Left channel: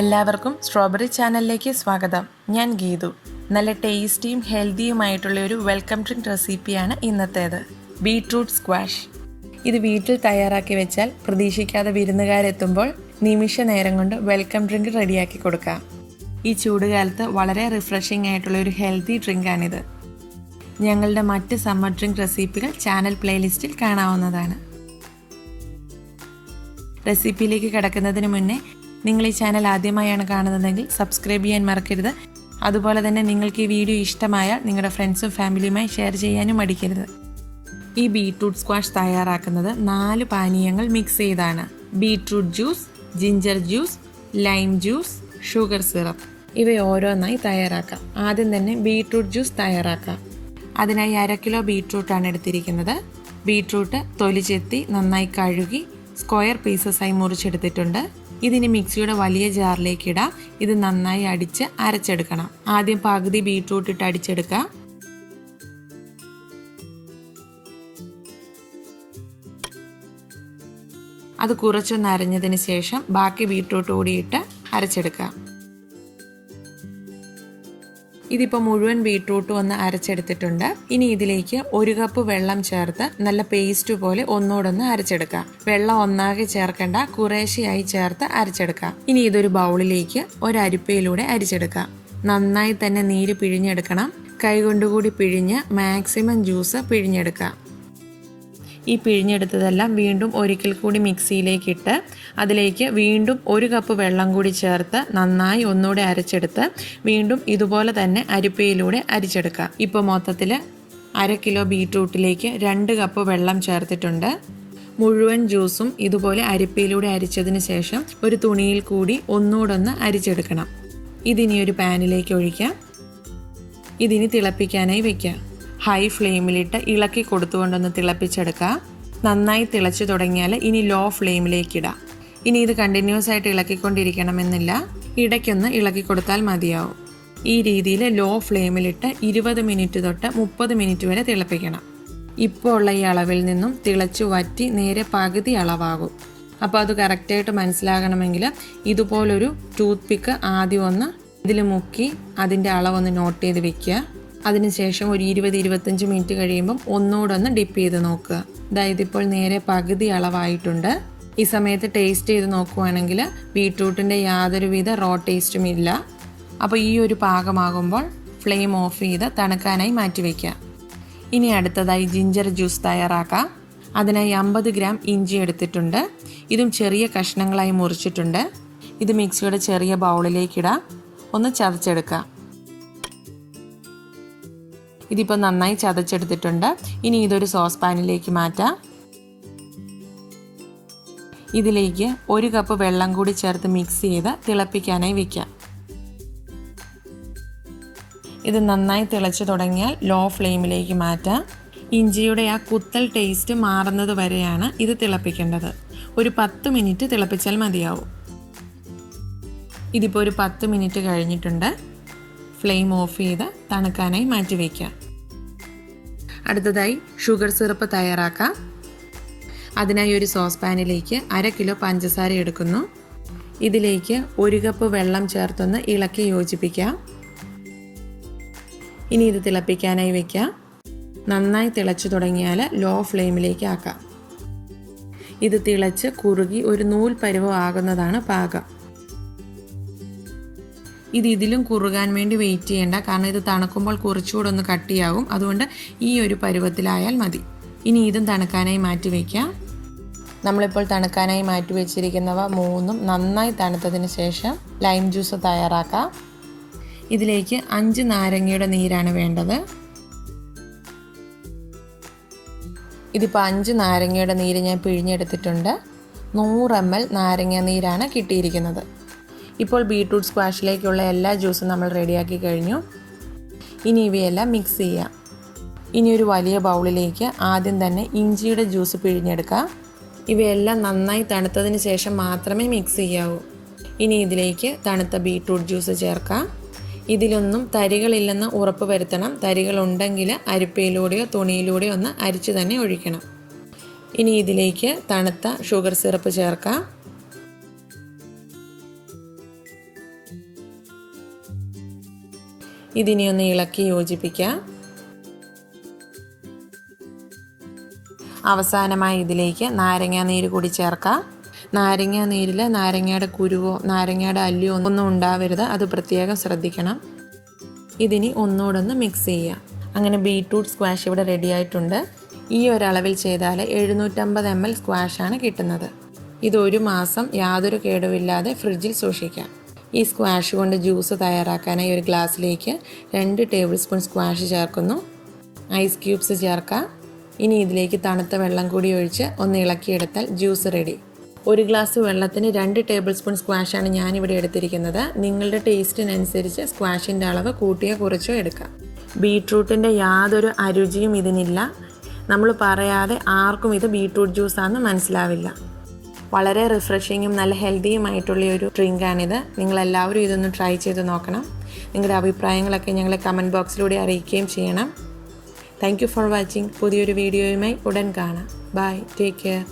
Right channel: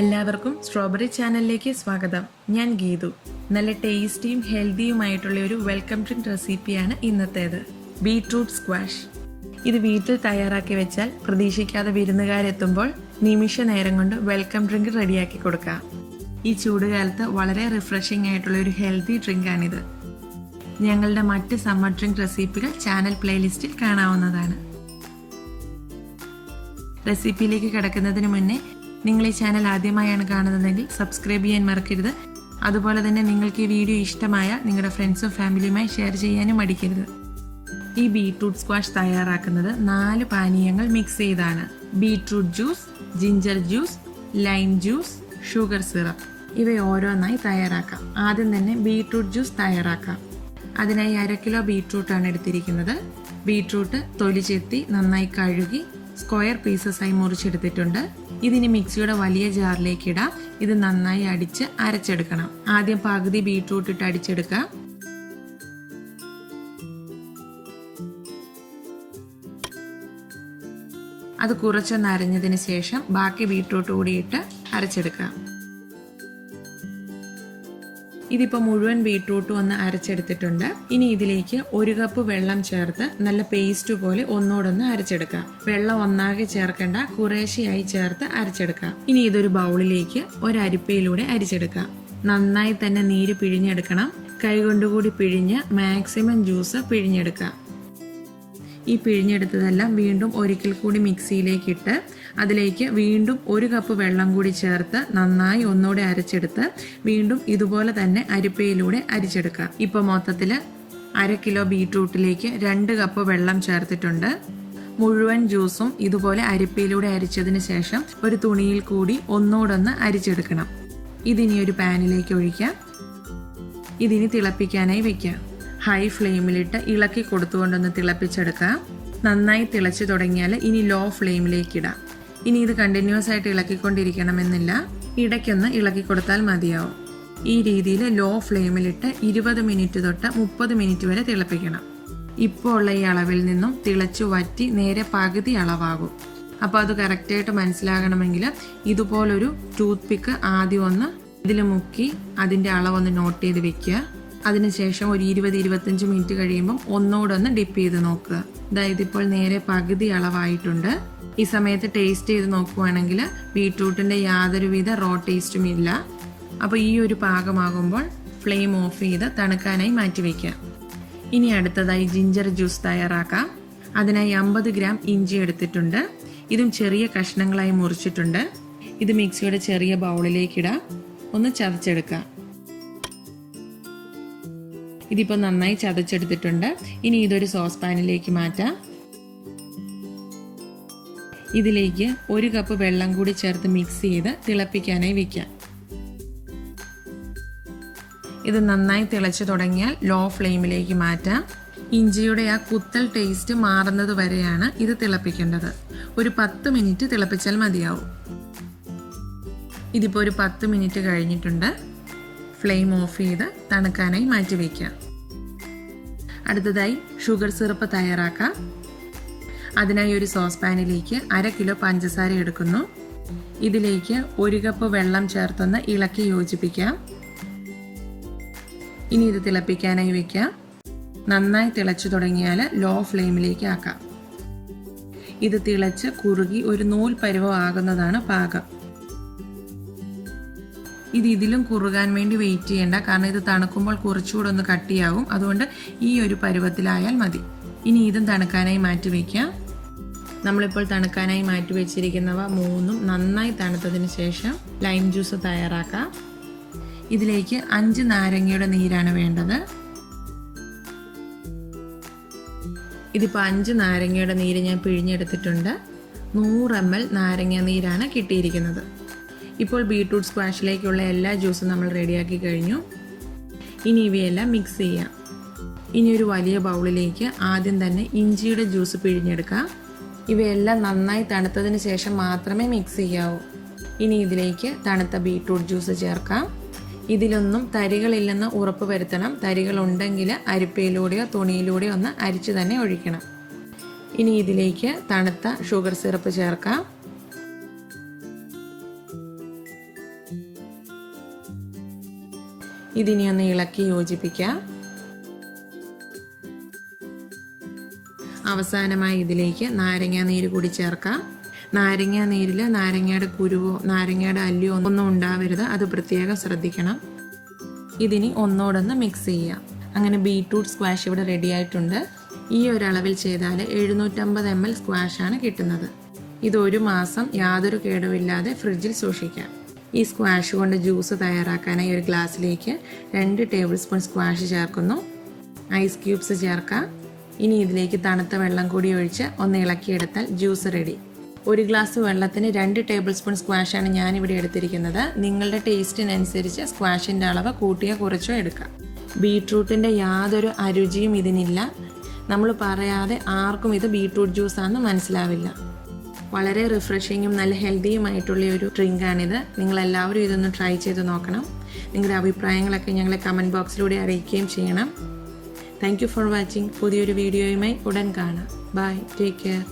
എല്ലാവർക്കും സ്ട്രോബെറി ചാനലിലേക്ക് സ്വാഗതം. ഞാൻ ഗീതു. നല്ല ടേസ്റ്റിയും ഹെൽത്തിയുമായിട്ടുള്ള ഒരു വെൽക്കം ഡ്രിങ്ക് റെസിപ്പിയാണ് ഇന്നത്തേത്. Beetroot squash. ഇത് വീട്ടിൽ തയ്യാറാക്കി വെച്ചാൽ പ്രതീക്ഷിക്കാതെ വിരുന്നുകാരെത്തുമ്പോൾ നിമിഷ നേരം കൊണ്ട് വെൽക്കം ഡ്രിങ്ക് റെഡിയാക്കി കൊടുക്കാം. ഈ ചൂടുകാലത്ത് വളരെ റിഫ്രഷിംഗ് ആയിട്ടുള്ള ഒരു ഹെൽത്തി ഡ്രിങ്കാണിത്. ഞങ്ങളുടെ മറ്റ് സമ്മർ ഡ്രിങ്ക് റെസിപ്പികൾ ചാനൽ പ്ലേലിസ്റ്റിൽ കാണാവുന്നതാണ്. റെസിപ്പിയിലേക്ക് കിടക്കുന്നതിന് മുന്നേ നിങ്ങൾ ഈ ചാനൽ ആദ്യമായാണ് കാണുന്നതെങ്കിൽ സബ്സ്ക്രൈബ് ചെയ്യാൻ മറക്കരുത്. അതുപോലെ തന്നെ നിങ്ങൾക്ക് ഈ വീഡിയോ ഇഷ്ടമായാൽ നിങ്ങളുടെ ഫ്രണ്ട്സും ഫാമിലിയുമായി ഷെയർ ചെയ്യാനും മടിക്കരുത്. ഈ ബീട്രൂട്ട് സ്ക്വാഷ് തയ്യാറാക്കുന്നത് 4 പാനീയങ്ങൾ മിക്സ് ചെയ്താണ്. Beetroot juice, ginger juice, lime juice, sugar syrup ഇവ ഓരോന്നായി തയ്യാറാക്കാം. ആദ്യം തന്നെ ബീട്രൂട്ട് ജ്യൂസ് തയ്യാറാക്കാം. അതിനായി 1/2 കിലോ ബീട്രൂട്ടാണ് എടുത്തിരിക്കുന്നത്. ബീട്രൂട്ട് തൊലി ചെത്തി നന്നായി കഴുകി സ്ക്വയർ പീസസായി മുറിച്ചെടുത്തിട്ടുണ്ട്. ഇതിന് മിക്സിയുടെ വലിയ ജാറിലേക്ക് ഇടാം. ഇത് നന്നായി അടിച്ച് അരച്ചെടുക്കണം. ആദ്യം പകുതി ബീട്രൂട്ട് ഇട്ട് അടിച്ചെടുക്കാം. അത് കുറച്ചൊന്ന് അരഞ്ഞതിന് ശേഷം ബാക്കി ബീട്രൂട്ട് കൂടിയിട്ട് അരച്ചെടുക്കാം. ഇതിപ്പോൾ മുഴുവൻ ബീട്രൂട്ട് ഒന്ന് അരച്ചെടുത്തിട്ടുണ്ട്. ഇനി ഇതിലേക്ക് 1 കപ്പ് വെള്ളം ചേർത്ത് നല്ല പേസ്റ്റ് പോലെ ഒന്നുകൂടൊന്ന് അരച്ചെടുക്കാം. വെള്ളം ഒന്നാകെ ചേർക്കേണ്ട, കുറേശ്ശെയായി ചേർത്ത് അരച്ചെടുക്കാം. ഇനി ഇതൊരു ബൗളിലേക്ക് ഒരരിപ്പയിലൂടെ അരിച്ചെടുക്കാം. നന്നായി തന്നെ നീര് പിഴിഞ്ഞെടുക്കണം. കൈകൊണ്ടുകൂടി പിഴിഞ്ഞ് മാക്സിമം ജ്യൂസ് പിഴിഞ്ഞെടുക്കാം. ഈ പിഴിഞ്ഞെടുത്തതെല്ലാം വീണ്ടും ഒരിക്കൽ കൂടി മിക്സിയിലേക്കിട്ട് അതിലേക്ക് വീണ്ടും 1 കപ്പ് വെള്ളം കൂടി ചേർത്ത് നന്നായി ഒന്നുകൂടെ അരച്ചെടുത്ത് വീണ്ടും ഇതുപോലെ തന്നെ അരിപ്പയിലൂടെ അരിച്ചെടുക്കാം. ഇപ്പോൾ മൊത്തത്തിൽ 1/2 കിലോ ബീട്രൂട്ടിലേക്ക് 2 കപ്പ് വെള്ളം ചേർത്തിട്ടുണ്ട്. മുഴുവൻ ജ്യൂസും ഇതുപോലെ അരിപ്പയിലൂടെ അരിച്ചതിന് ശേഷം ഒരു തുണിയിൽ കൂടി ഒന്നുകൂടെ ഒന്ന് അരിച്ചെടുക്കണം. ഇതിനി ഒരു പാനിലേക്ക് ഒഴിക്കാം. ഇതിനി തിളപ്പിക്കാനായി വെക്കാം. ഹൈ ഫ്ലെയിമിലിട്ട് ഇളക്കി കൊടുത്തുകൊണ്ടൊന്ന് തിളപ്പിച്ചെടുക്കാം. നന്നായി തിളച്ചു തുടങ്ങിയാൽ ഇനി ലോ ഫ്ലെയിമിലേക്ക് ഇടാം. ഇനി ഇത് കണ്ടിന്യൂസ് ആയിട്ട് ഇളക്കിക്കൊണ്ടിരിക്കണമെന്നില്ല, ഇടയ്ക്കൊന്ന് ഇളക്കി കൊടുത്താൽ മതിയാവും. ഈ രീതിയിൽ ലോ ഫ്ലെയിമിലിട്ട് 20 മിനിറ്റ് തൊട്ട് 30 മിനിറ്റ് വരെ തിളപ്പിക്കണം. ഇപ്പോൾ ഉള്ള ഈ അളവിൽ നിന്നും തിളച്ചു വറ്റി നേരെ പകുതി അളവാകും. അപ്പോൾ അത് കറക്റ്റായിട്ട് മനസ്സിലാകണമെങ്കിൽ ഇതുപോലൊരു ടൂത്ത് പിക്ക് ആദ്യം ഒന്ന് ഇതിൽ മുക്കി അതിൻ്റെ അളവൊന്ന് നോട്ട് ചെയ്ത് വെക്കുക. അതിനുശേഷം ഒരു 20-25 മിനിറ്റ് കഴിയുമ്പം ഒന്നുകൂടെ ഒന്ന് ഡിപ്പ് ചെയ്ത് നോക്കുക. അതായത് ഇപ്പോൾ നേരെ പകുതി അളവായിട്ടുണ്ട്. ഈ സമയത്ത് ടേസ്റ്റ് ചെയ്ത് നോക്കുവാണെങ്കിൽ ബീട്രൂട്ടിൻ്റെ യാതൊരുവിധ റോ ടേസ്റ്റും ഇല്ല. അപ്പോൾ ഈ ഒരു പാകമാകുമ്പോൾ ഫ്ലെയിം ഓഫ് ചെയ്ത് തണുക്കാനായി മാറ്റിവെക്കാം. ഇനി അടുത്തതായി ജിഞ്ചർ ജ്യൂസ് തയ്യാറാക്കാം. അതിനായി 50 ഗ്രാം ഇഞ്ചി എടുത്തിട്ടുണ്ട്. ഇതും ചെറിയ കഷ്ണങ്ങളായി മുറിച്ചിട്ടുണ്ട്. ഇത് മിക്സിയുടെ ചെറിയ ബൗളിലേക്കിടാം. ഒന്ന് ചതച്ചെടുക്കാം. ഇതിപ്പോൾ നന്നായി ചതച്ചെടുത്തിട്ടുണ്ട്. ഇനി ഇതൊരു സോസ് പാനിലേക്ക് മാറ്റാം. ഇതിലേക്ക് 1 കപ്പ് വെള്ളം കൂടി ചേർത്ത് മിക്സ് ചെയ്ത് തിളപ്പിക്കാനായി വെക്കാം. ഇത് നന്നായി തിളച്ച് തുടങ്ങിയാൽ ലോ ഫ്ലെയിമിലേക്ക് മാറ്റാം. ഇഞ്ചിയുടെ ആ കുത്തൽ ടേസ്റ്റ് മാറുന്നത് വരെയാണ് ഇത് തിളപ്പിക്കേണ്ടത്. ഒരു 10 മിനിറ്റ് തിളപ്പിച്ചാൽ മതിയാവും. ഇതിപ്പോൾ ഒരു 10 മിനിറ്റ് കഴിഞ്ഞിട്ടുണ്ട്. ഫ്ലെയിം ഓഫ് ചെയ്ത് തണുക്കാനായി മാറ്റി വയ്ക്കാം. അടുത്തതായി ഷുഗർ സിറപ്പ് തയ്യാറാക്കാം. അതിനായി ഒരു സോസ് പാനിലേക്ക് 1/2 കിലോ പഞ്ചസാര എടുക്കുന്നു. ഇതിലേക്ക് 1 കപ്പ് വെള്ളം ചേർത്തൊന്ന് ഇളക്കി യോജിപ്പിക്കാം. ഇനി ഇത് തിളപ്പിക്കാനായി വയ്ക്കാം. നന്നായി തിളച്ചു തുടങ്ങിയാൽ ലോ ഫ്ലെയിമിലേക്ക് ആക്കാം. ഇത് തിളച്ച് കുറുകി ഒരു നൂൽ പരുവം ആകുന്നതാണ് പാകം. ഇതിലും കുറുകാൻ വേണ്ടി വെയിറ്റ് ചെയ്യേണ്ട, കാരണം ഇത് തണുക്കുമ്പോൾ കുറച്ചുകൂടെ ഒന്ന് കട്ടിയാകും. അതുകൊണ്ട് ഈ ഒരു പരുവത്തിലായാൽ മതി. ഇനി ഇതും തണുക്കാനായി മാറ്റി വയ്ക്കാം. നമ്മളിപ്പോൾ തണുക്കാനായി മാറ്റി വെച്ചിരിക്കുന്നവ 3ഉം നന്നായി തണുത്തതിന് ശേഷം ലൈം ജ്യൂസ് തയ്യാറാക്കാം. ഇതിലേക്ക് 5 നാരങ്ങയുടെ നീരാണ് വേണ്ടത്. ഇതിപ്പോൾ 5 നാരങ്ങയുടെ നീര് ഞാൻ പിഴിഞ്ഞെടുത്തിട്ടുണ്ട്. 100 ml നാരങ്ങ നീരാണ് കിട്ടിയിരിക്കുന്നത്. ഇപ്പോൾ ബീട്രൂട്ട് സ്ക്വാഷിലേക്കുള്ള എല്ലാ ജ്യൂസും നമ്മൾ റെഡിയാക്കി കഴിഞ്ഞു. ഇനി ഇവയെല്ലാം മിക്സ് ചെയ്യാം. ഇനി ഒരു വലിയ ബൗളിലേക്ക് ആദ്യം തന്നെ ഇഞ്ചിയുടെ ജ്യൂസ് പിഴിഞ്ഞെടുക്കാം. ഇവയെല്ലാം നന്നായി തണുത്തതിന് ശേഷം മാത്രമേ മിക്സ് ചെയ്യാവൂ. ഇനി ഇതിലേക്ക് തണുത്ത ബീട്രൂട്ട് ജ്യൂസ് ചേർക്കാം. ഇതിലൊന്നും തരികളില്ലെന്ന് ഉറപ്പ് വരുത്തണം. തരികളുണ്ടെങ്കിൽ അരിപ്പയിലൂടെയോ തുണിയിലൂടെയോ ഒന്ന് അരിച്ച് തന്നെ ഒഴിക്കണം. ഇനി ഇതിലേക്ക് തണുത്ത ഷുഗർ സിറപ്പ് ചേർക്കാം. ഇതിനി ഒന്ന് ഇളക്കി യോജിപ്പിക്കാം. അവസാനമായി ഇതിലേക്ക് നാരങ്ങാ നീര് കൂടി ചേർക്കാം. നാരങ്ങാ നീരിൽ നാരങ്ങയുടെ കുരുവോ നാരങ്ങയുടെ അല്ലിയോ ഒന്നും ഉണ്ടാവരുത്, അത് പ്രത്യേകം ശ്രദ്ധിക്കണം. ഇതിനി ഒന്നുകൂടൊന്ന് മിക്സ് ചെയ്യാം. അങ്ങനെ ബീട്രൂട്ട് സ്ക്വാഷ് ഇവിടെ റെഡി ആയിട്ടുണ്ട്. ഈ ഒരളവിൽ ചെയ്താൽ 750 ml സ്ക്വാഷാണ് കിട്ടുന്നത്. ഇത് 1 മാസം യാതൊരു കേടുമില്ലാതെ ഫ്രിഡ്ജിൽ സൂക്ഷിക്കാം. ഈ സ്ക്വാഷ് കൊണ്ട് ജ്യൂസ് തയ്യാറാക്കാനായി ഒരു ഗ്ലാസ്സിലേക്ക് 2 ടേബിൾ സ്പൂൺ സ്ക്വാഷ് ചേർക്കുന്നു. ഐസ് ക്യൂബ്സ് ചേർക്കാം. ഇനി ഇതിലേക്ക് തണുത്ത വെള്ളം കൂടി ഒഴിച്ച് ഒന്ന് ഇളക്കിയെടുത്താൽ ജ്യൂസ് റെഡി. 1 ഗ്ലാസ് വെള്ളത്തിന് 2 ടേബിൾ സ്പൂൺ സ്ക്വാഷാണ് ഞാനിവിടെ എടുത്തിരിക്കുന്നത്. നിങ്ങളുടെ ടേസ്റ്റിനനുസരിച്ച് സ്ക്വാഷിൻ്റെ അളവ് കൂട്ടിയോ കുറച്ചോ എടുക്കാം. ബീട്രൂട്ടിൻ്റെ യാതൊരു അരുചിയും ഇതിനില്ല. നമ്മൾ പറയാതെ ആർക്കും ഇത് ബീട്രൂട്ട് ജ്യൂസാണെന്ന് മനസ്സിലാവില്ല. വളരെ റിഫ്രഷിങ്ങും നല്ല ഹെൽത്തിയുമായിട്ടുള്ള ഒരു ഡ്രിങ്കാണിത്. നിങ്ങളെല്ലാവരും ഇതൊന്ന് ട്രൈ ചെയ്ത് നോക്കണം. നിങ്ങളുടെ അഭിപ്രായങ്ങളൊക്കെ ഞങ്ങളെ കമൻറ്റ് ബോക്സിലൂടെ അറിയിക്കുകയും ചെയ്യണം. Thank you for watching. പുതിയൊരു വീഡിയോയുമായി ഉടൻ കാണാം. Bye, take care.